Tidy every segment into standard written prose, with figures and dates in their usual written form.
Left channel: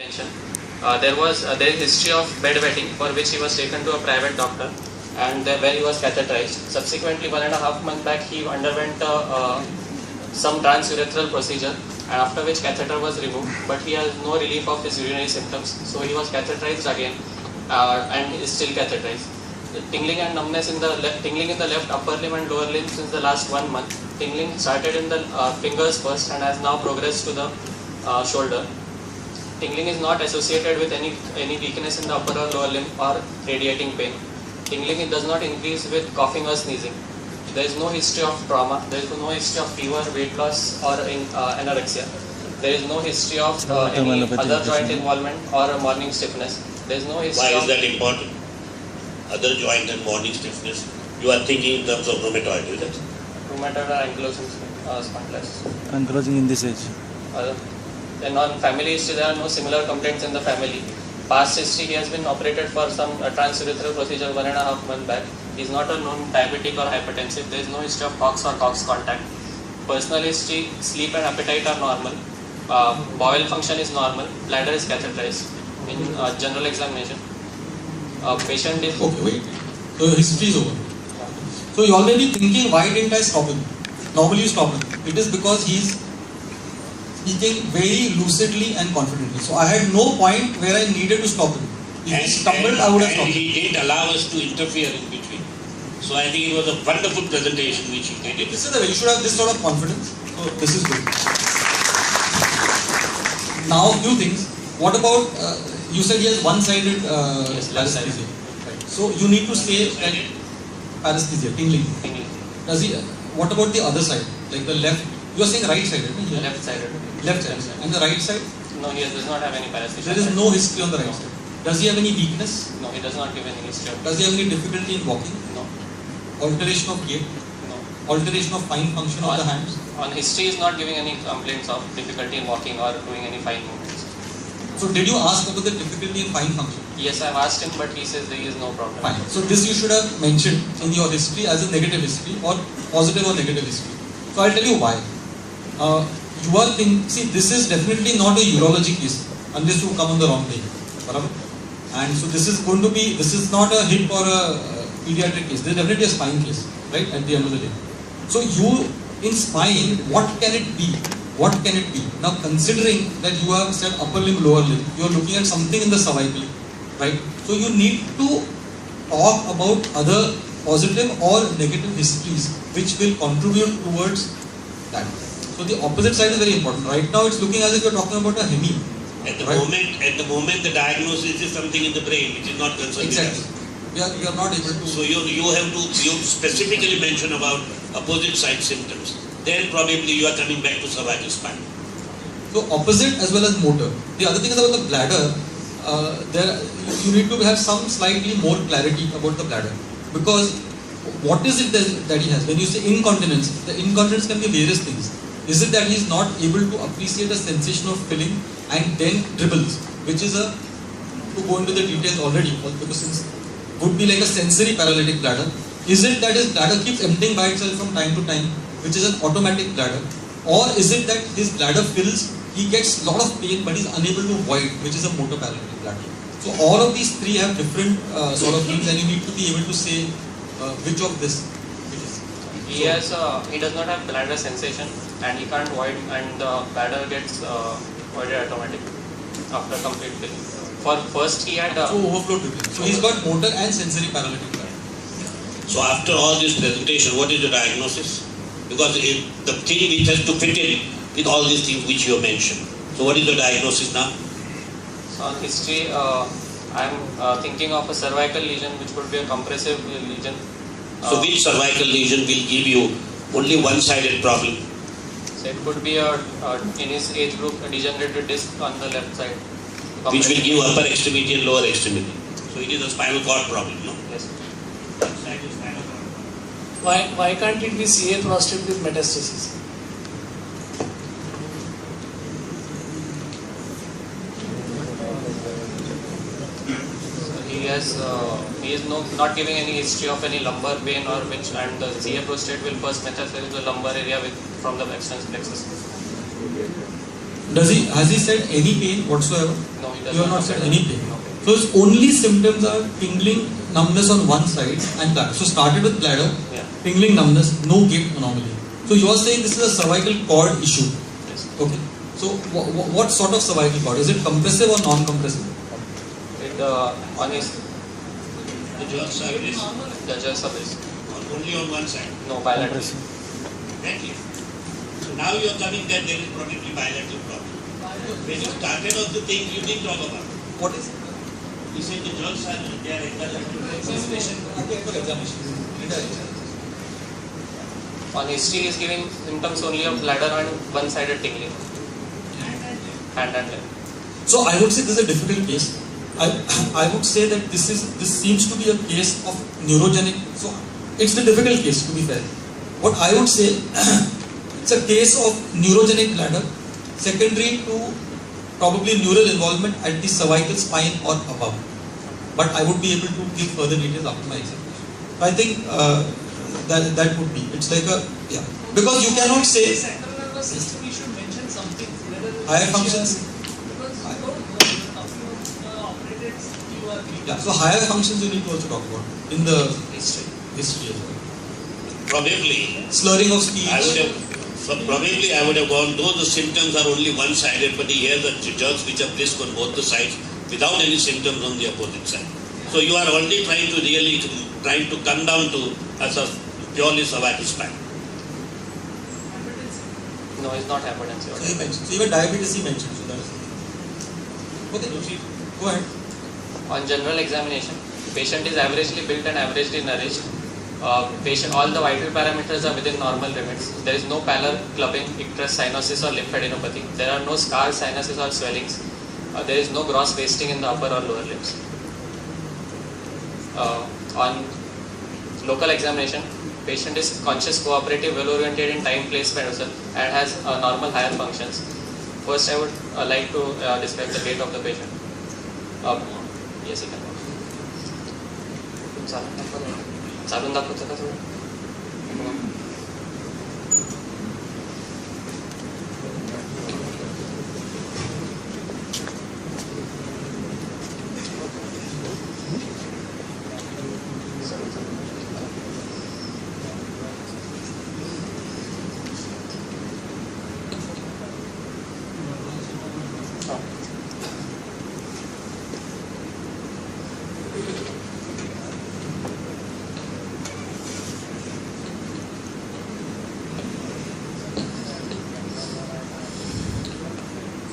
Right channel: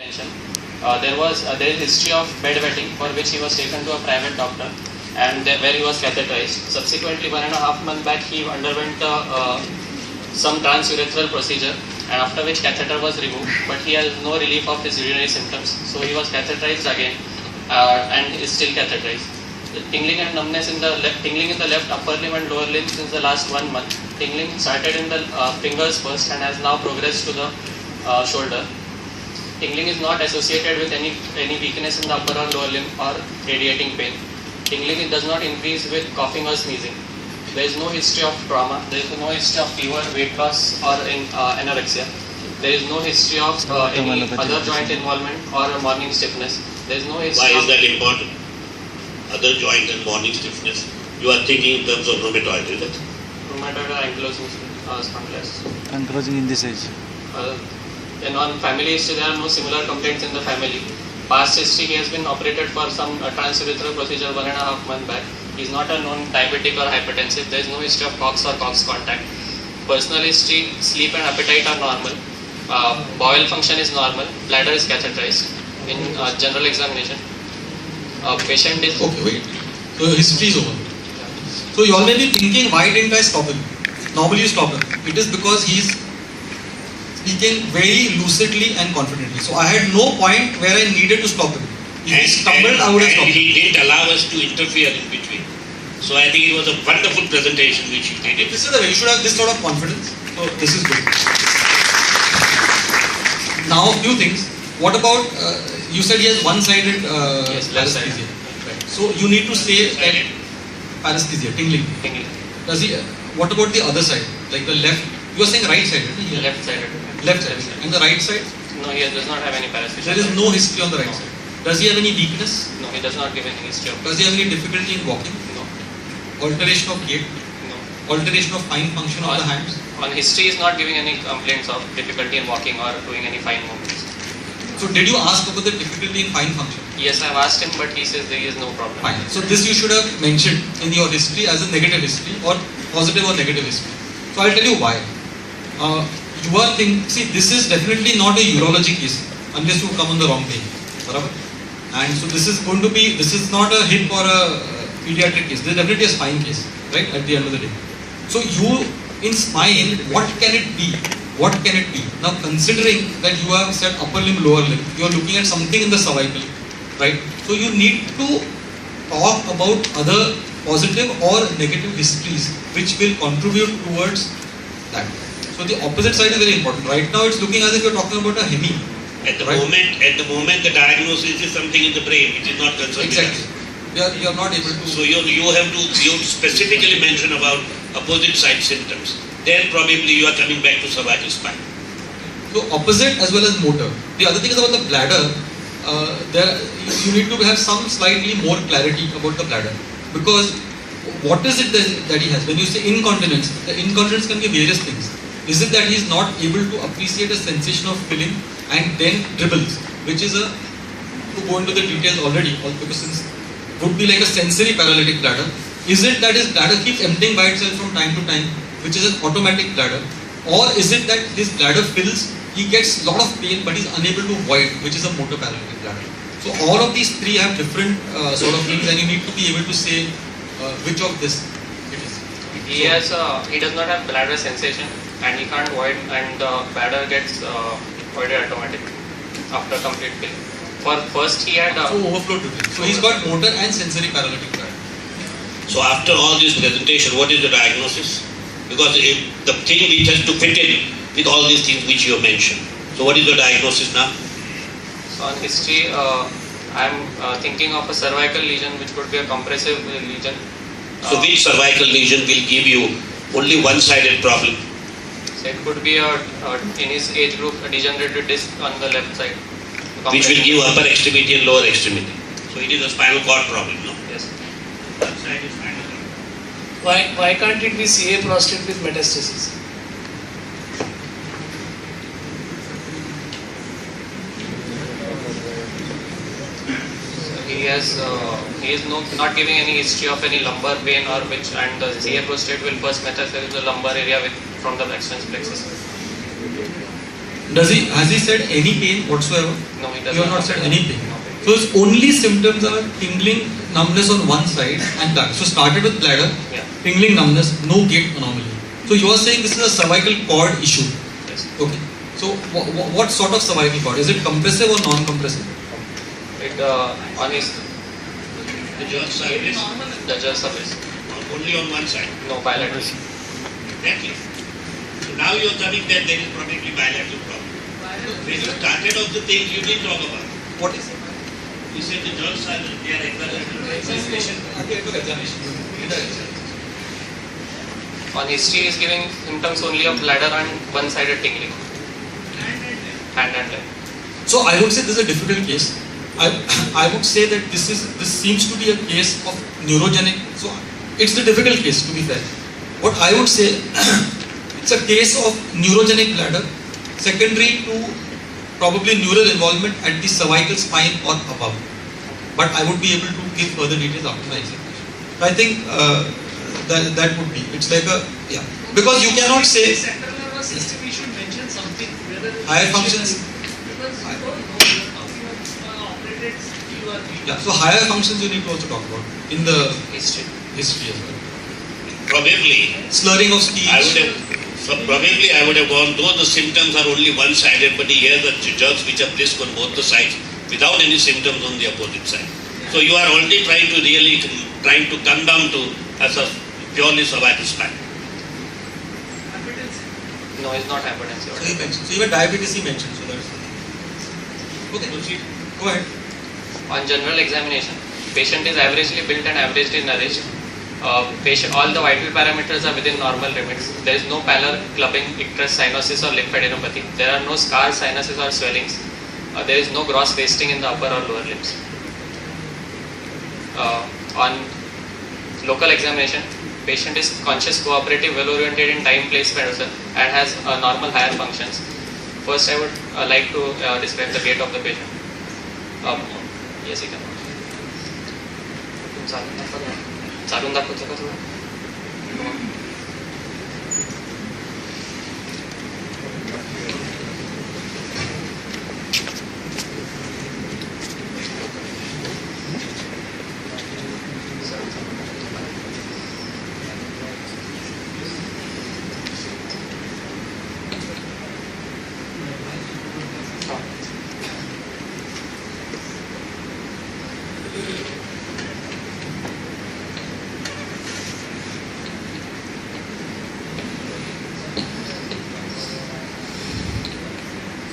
There is history of bedwetting for which he was taken to a private doctor and where he was catheterized. Subsequently, 1.5 months back, he underwent some transurethral procedure, and after which catheter was removed, but he has no relief of his urinary symptoms. So he was catheterized again and is still catheterized. The tingling and numbness in the tingling in the left upper limb and lower limb since the last 1 month. Tingling started in the fingers first and has now progressed to the shoulder. Tingling is not associated with any weakness in the upper or lower limb or radiating pain. Tingling does not increase with coughing or sneezing. There is no history of trauma. There is no history of fever, weight loss, or anorexia. There is no history of any other joint involvement or morning stiffness. There is no history. Why is that important? Other joint and morning stiffness. You are thinking in terms of rheumatoid, is it? Rheumatoid or ankylosing spondylitis. Ankylosing in this age. Then on family history, there are no similar complaints in the family. Past history, he has been operated for some transurethral procedure 1.5 months back. He is not a known diabetic or hypertensive. There is no history of COX or COX contact. Personal history, sleep and appetite are normal. Bowel function is normal. Bladder is catheterized. In general examination, patient is... Okay, wait. So history is over. So you all may be thinking, why didn't I stop him? Normally you stop him. It is because he is speaking very lucidly and confidently. So I had no point where I needed to stop him. If he stumbled, I would have stopped him. He didn't allow us to interfere in between. So I think it was a wonderful presentation which he did. This is the way you should have this sort of confidence. So this is good. Now a few things. What about, you said he has one-sided paresthesia. Right. So you need to say that paresthesia, tingling. Does he? What about the other side, like the left? You are saying right-sided. Left-sided. Left-sided. And the right side? No, he does not have any paresthesia. There is no history on the right side. Does he have any weakness? No, he does not give any history of... Does he have any difficulty in walking? No. Alteration of gait? No. Alteration of fine function of the hands? On history, he is not giving any complaints of difficulty in walking or doing any fine movements. So did you ask about the difficulty in fine function? Yes, I have asked him, but he says there is no problem. Fine. So this you should have mentioned in your history as a negative history or positive or negative history. So I'll tell you why. You are thinking, see, this is definitely not a urology case unless you come on the wrong day. And so this is going to be, this is not a hip or a pediatric case. This is definitely a spine case, right, at the end of the day. So you, in spine, what can it be? What can it be? Now considering that you have said upper limb, lower limb, you are looking at something in the cervical, right? So you need to talk about other positive or negative histories which will contribute towards that. So the opposite side is very important. Right now it's looking as if you're talking about a hemi. At the moment, the diagnosis is something in the brain which is not concerned exactly. with us. You are not able to. So you have to specifically mention about opposite side symptoms. Then probably you are coming back to cervical spine. So opposite as well as motor. The other thing is about the bladder. You need to have some slightly more clarity about the bladder, because what is it that he has? When you say incontinence, the incontinence can be various things. Is it that he is not able to appreciate a sensation of filling and then dribbles, which is to go into the details already, because since would be like a sensory paralytic bladder. Is it that his bladder keeps emptying by itself from time to time, which is an automatic bladder? Or is it that his bladder fills, he gets a lot of pain but he's unable to void, which is a motor paralytic bladder? So all of these three have different sort of things, and you need to be able to say which of this it is. He does not have bladder sensation and he can't void, and the bladder gets voided automatically after complete filling. For first he had... so overflow dribbling. So he's got motor and sensory paralytic bladder. So after all this presentation, what is the diagnosis? Because the thing which has to fit in with all these things which you have mentioned. So what is the diagnosis now? So on history, I am thinking of a cervical lesion which could be a compressive lesion. So which cervical lesion will give you only one-sided problem? So it could be in his age group a degenerated disc on the left side. Which will give upper extremity and lower extremity. So it is a spinal cord problem, no? Yes. One side is spinal cord. Why can't it be CA prostate with metastasis? He is not giving any history of any lumbar pain or which, and the CA prostate will first metastasize the lumbar area from the extensor plexus. Has he said any pain whatsoever? No, he does You have not said any pain. So his only symptoms are tingling, numbness on one side and back. So started with bladder, Yeah. tingling, numbness, no gait anomaly. So you are saying this is a cervical cord issue. Yes. Okay. So what sort of cervical cord? Is it compressive or non-compressive? It on his The jerk surface the just surface. only on one side. No bilateral. Exactly. So now you are coming that there is probably bilateral problem. When you started off the thing, you didn't talk about. What is it? You said the jerks are they are examination. On history, he is giving symptoms only of bladder and one-sided tingling. Hand and leg. So I would say this is a difficult case. I would say that this seems to be a case of neurogenic. So it's the difficult case, to be fair. What I would say, it's a case of neurogenic bladder, secondary to probably neural involvement at the cervical spine or above. But I would be able to give further details after my examination. I think that would be. It's like a because you cannot say Central nervous system, you should mention something. Whether higher functions. Because you don't know, you're talking about operated CT or Yeah, so higher functions you need to also talk about in the History. history as well. Probably Slurring of speech. I would have gone, though the symptoms are only one-sided, but he has the jerks which are brisk on both the sides without any symptoms on the opposite side. So you are already trying to come down to a purely cervical spine. No, it's not hypertensive. So he mentioned. So even diabetes he mentioned. So that's okay. Proceed. Go ahead. On general examination, patient is averagely built and averagely nourished. All the vital parameters are within normal limits. There is no pallor, clubbing, icterus, cyanosis or lymphadenopathy. There are no scars, sinuses or swellings. There is no gross wasting in the upper or lower limbs. On local examination, patient is conscious, cooperative, well-oriented in time, place, person and has normal higher functions. First, I would like to describe the gait of the patient. Yes, you can. चालून दाखवतो का थोडं?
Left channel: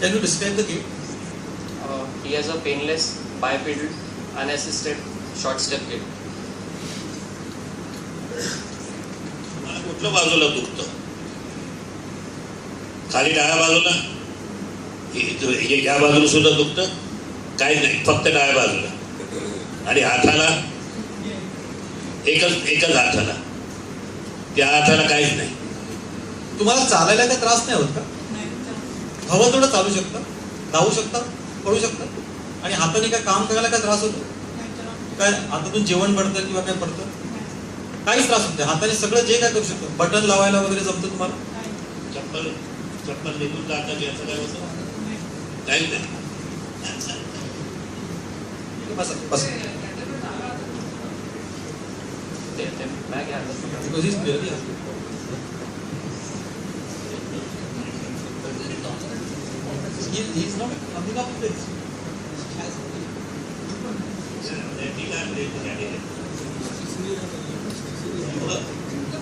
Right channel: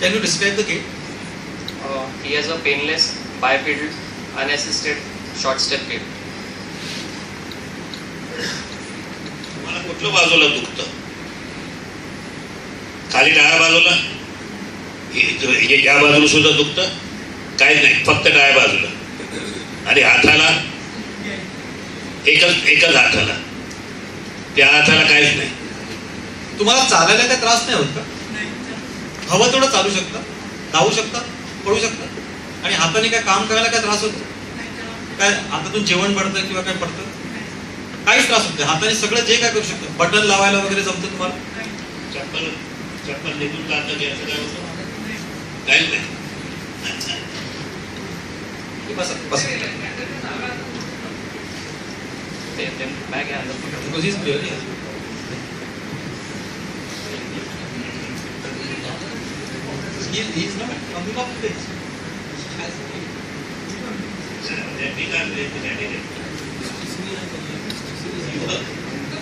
Can you describe the gait? He has a painless, bipedal, unassisted, short step gait. मला कुठल्या बाजूला दुखतं? खाली डाव्या बाजूला? या बाजूला सुद्धा दुखतं? काही नाही, फक्त डाव्या बाजूला. आणि हाताला एकच हाताला. त्या हाताला काहीच नाही. तुम्हाला चालायला काही त्रास नाही होत का? हवं तेवढं चालू शकता, धावू शकता, पळू शकता आणि हाताने काय काम करायला काय त्रास होतो? काय हातातून जेवण पडतं किंवा काय पडतं? काहीच त्रास होत नाही. हाताने सगळं जे काय करू शकतो. बटन लावायला वगैरे जमतं तुम्हाला? चप्पल निघून जातं याचं काय होतं? काहीच नाही. बसा बसा. बॅग आहे Because he's clearly he's not coming up with it.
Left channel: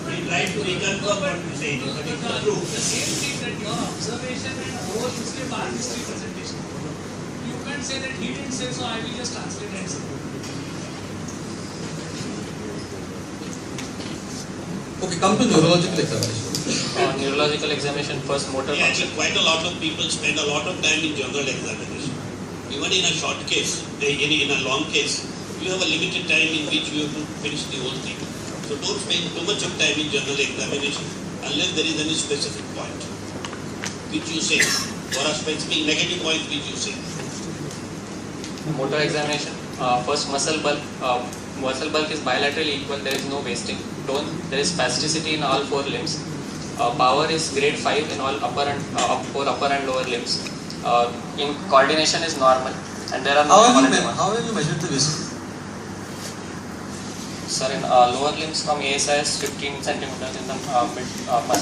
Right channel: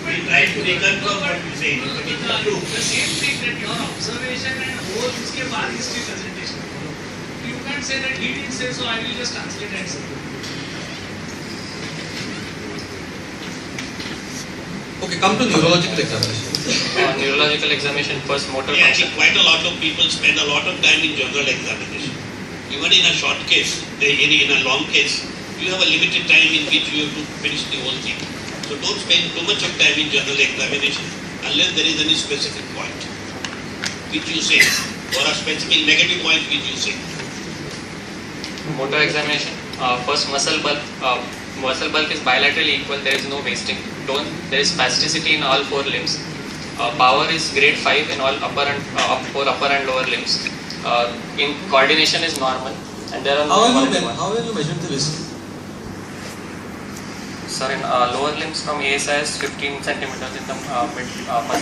We try to reconfirm what you say, but it's not true. The same thing that your observation and whole उसके बाद history presentation. You can't say that he didn't say so. I will just translate and say. Okay, come to neurological examination. Neurological examination, first motor Yeah, function. quite a lot of people spend a lot of time in general examination. Even in a short case, in a long case, you have a limited time in which you have to finish the whole thing. So don't spend too much of time in general examination unless there is any specific point which you say, or a specific negative point which you say. Motor examination, first muscle bulk. Muscle bulk is bilaterally equal. There is no wasting. Tone. There is spasticity in all four limbs. Power is grade 5 in all upper and lower limbs. In coordination is normal, and there are no How have you measured the whisk? Sir, in lower limbs from ASI is 15 centimeters, in the mid muscle